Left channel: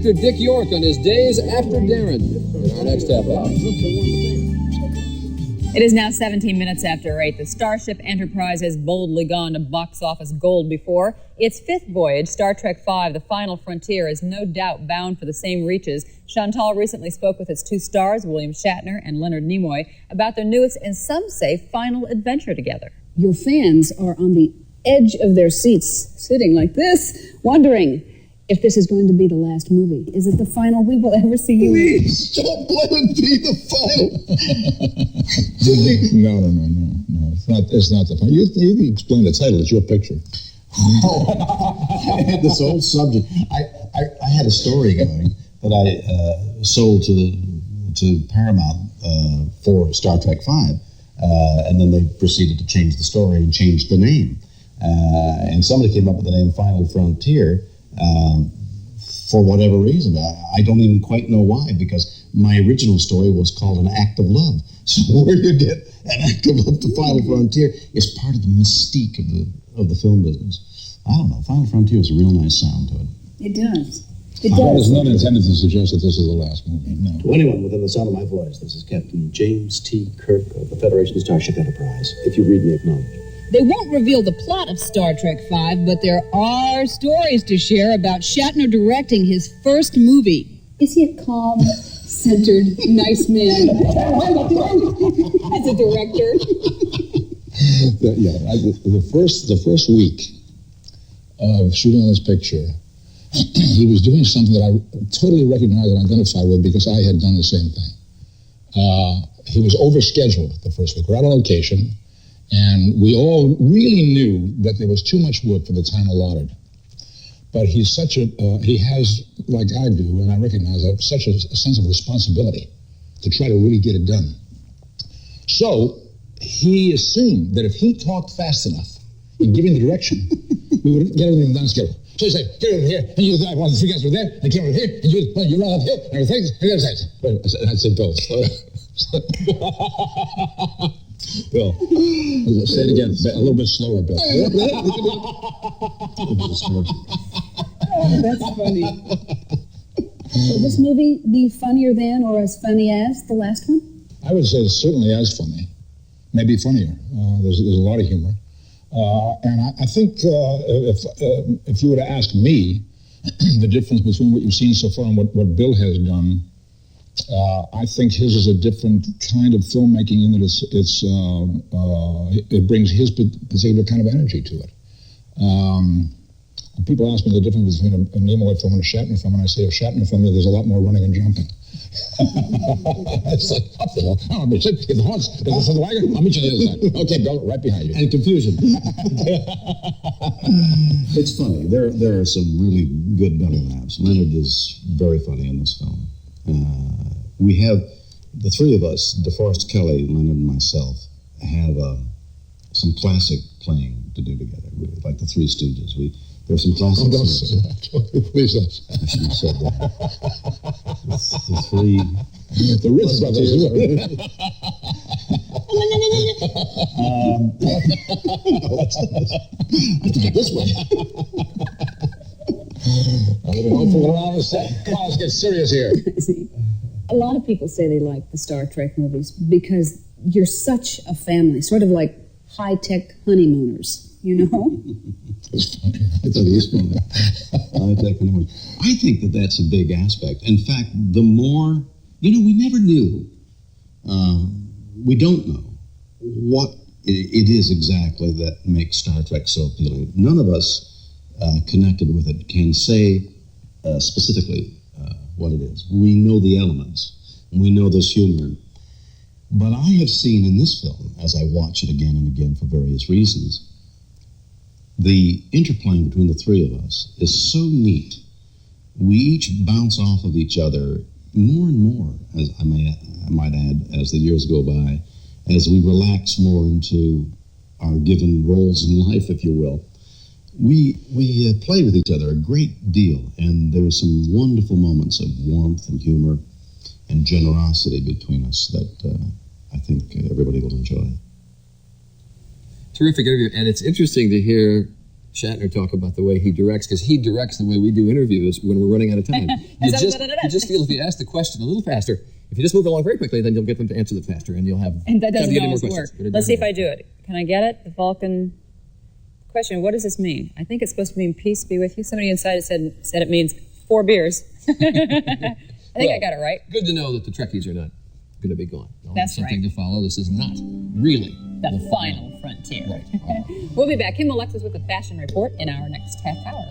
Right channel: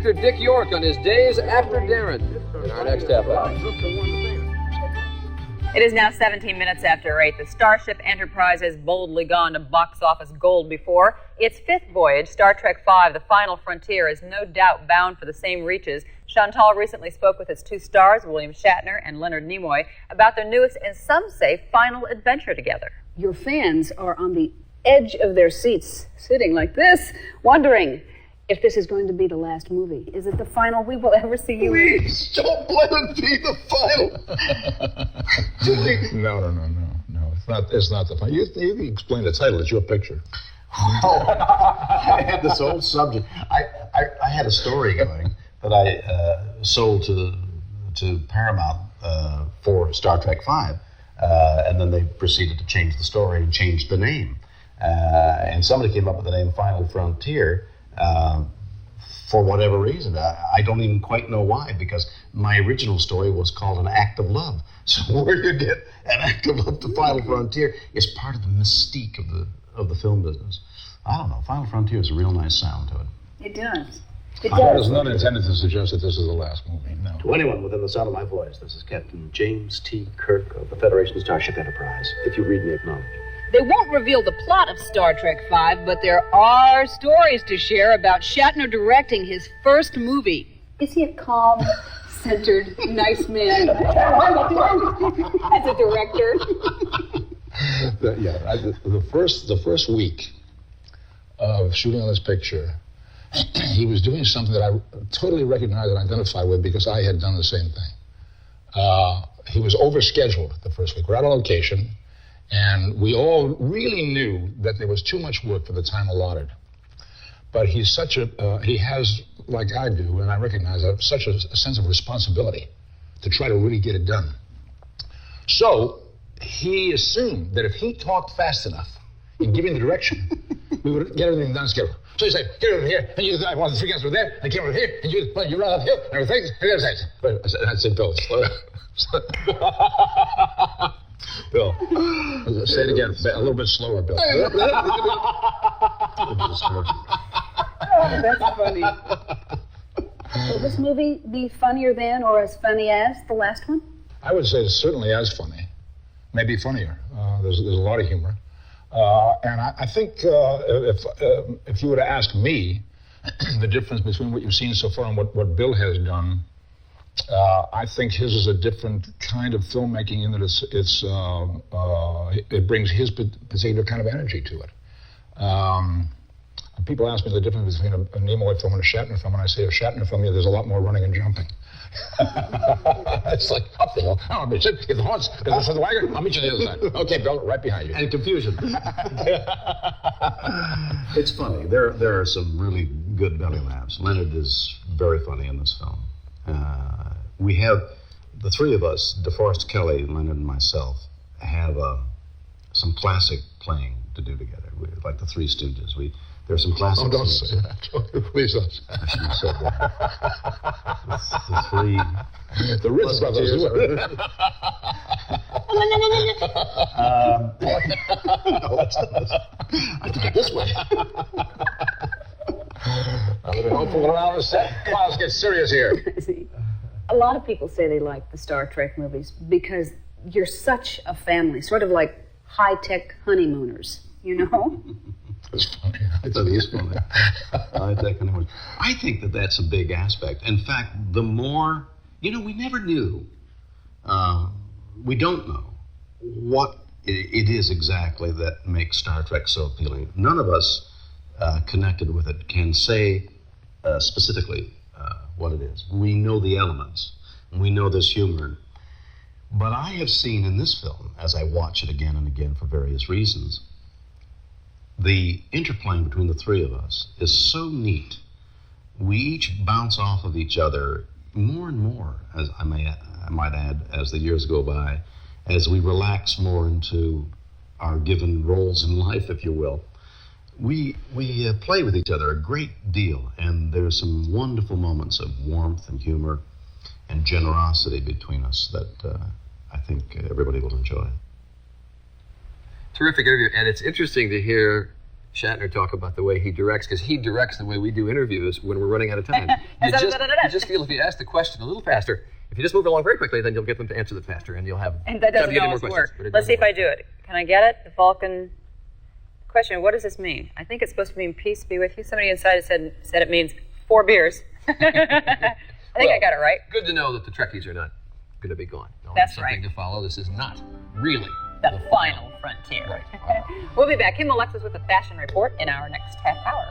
actor Dick York on his days after Darren in our next half hour. It is now 17 minutes after 8. The Starship Enterprise has boldly gone to box office gold before. Its fifth voyage, Star Trek V, The Final Frontier, is no doubt bound for the same reaches. Chantal recently spoke with its two stars, William Shatner and Leonard Nimoy, about their newest and some say final adventure together. Your fans are on the edge of their seats, sitting like this, wondering if this is going to be the last movie. Is it the final we will ever see you in? Please, don't let it be the final. No. It's not the final. You can explain the title. It's your picture. Oh, I had this old subject. I had a story going that I sold to Paramount for Star Trek V, and then they proceeded to change the story and change the name. And somebody came up with the name Final Frontier for whatever reason. I don't even quite know why, because my original story was called An Act of Love. So where you get An Act of Love to Final Frontier is part of the mystique of the film business. I don't know. Final Frontier is a real nice sound to it. It does. It That does. is not intended to suggest that this is the last movie, no. To anyone within the sound of my voice, this is Captain James T. Kirk of the Federation Starship Enterprise. If you read me, acknowledge. They won't reveal the plot of Star Trek V, but there are stories to share about Shatner directing his first movie. Is he a calm, centered, nice man as a director? The first week of shooting on this picture, he was doing something that I totally recognized and identified with because I had done the same thing. He was overscheduled the first week. We're out on location, and we all really knew that there was too much work for the time allotted. But he has, like I do, and I recognize that, such a sense of responsibility to try to really get it done. So he assumed that if he talked fast enough in giving the direction, we would get everything done schedule. So he said, get over here, and you I want the three guys over there, and I came over here, and you run up here, and everything, and everything. I said, Bill. Bill, say it again, a little bit slower, Bill. Oh, that's funny. Will this movie be funnier than or as funny as the last one? I would say it's certainly as funny, maybe funnier. There's a lot of humor. And I think if you were to ask me the difference between what you've seen so far and what Bill has done, I think his is a different kind of filmmaking in that it brings his particular kind of energy to it. People ask me the difference between a Nimoy film and a Shatner film, and I say a Shatner film, there's a lot more running and jumping. It's like, up the hill. I'll meet you. Get the horse. Get the wagon. I'll meet you on the other side. Okay, Bill, right behind you. And confusion. It's funny. There are some really good belly laughs. Leonard is very funny in this film. We have, the three of us, DeForest Kelley, Leonard, and myself, have some classic playing to do together. Like the Three Stooges. There's some classic don't scenes. say that. Please don't say that. I shouldn't have said that. The three... The Ritz brothers. No, that's not this. I have to get this way. I'm going to go fool around a set. Come on, let's get serious here. A lot of people say they like the Star Trek movies because you're such a family, sort of like high-tech honeymooners, you know? It's funny. It is funny. I think that that's a big aspect. In fact, the more, we never knew, we don't know what it is exactly that makes Star Trek so appealing. None of us connected with it can say specifically what it is. We know the elements, and we know there's humor. But I have seen in this film, as I watch it again and again for various reasons, the interplaying between the three of us is so neat. We each bounce off of each other more and more, as I might add, as the years go by, as we relax more into our given roles in life, if you will. We play with each other a great deal, and there's some wonderful moments of warmth and humor and generosity between us that I think everybody will enjoy. Terrific interview, and it's interesting to hear Shatner talk about the way he directs, because he directs the way we do interviews when we're running out of time. You just feel if you ask the question a little faster, if you just move along very quickly, then you'll get them to answer it faster, and you'll have And that doesn't time to get always more work. questions. Let's see if I do it. Can I get it? The Vulcan question, what does this mean? I think it's supposed to mean peace be with you. Somebody inside said it means 4 beers. I think I got it right. Good to know that the Trekkies are not going to be gone. That's something right. to follow. This is not really The final frontier. Right. We'll be back. Kim Alexis with the Fashion Report in our next half hour.